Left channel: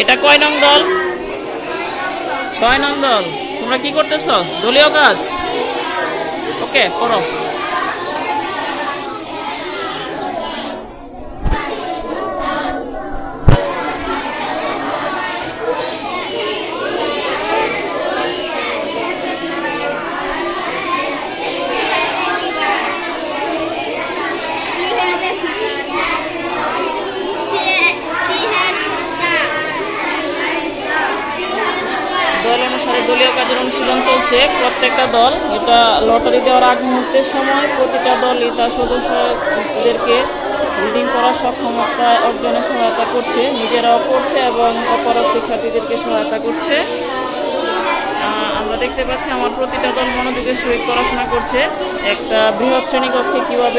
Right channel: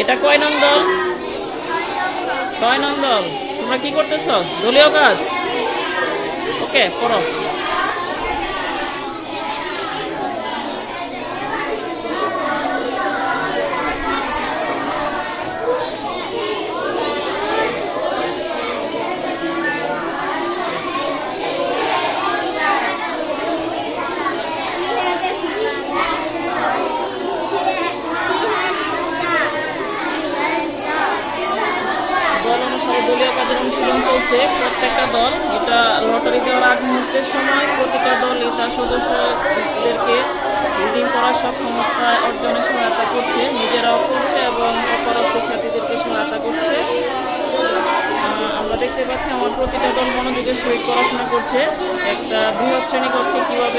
এটা কয় নং দল? 6 নং দল। তোমরা কি করতেছ? দলীয় কাজ। ওকে, পড়ো। দল অনুসারে দলীয় কাজের অনুশীলন চলছে। প্রত্যেকটা দল এটা লটারি দেওয়ার আগ মুহূর্তের সময় প্রতিটা দলই তার সদস্যদেরকে রিডিং করার সক্ষমতা অর্জনে সহায়তা করছে, নিজেরাও করছে এবং অপরাধ শিক্ষার্থীদেরকে সহায়তা করছে। আমরা দেখতে পাচ্ছি আমার প্রতিটা দল মনোযোগের সহিত পড়াশোনা করছে। একটা বৃহৎ শ্রেণীকক্ষে কিভাবে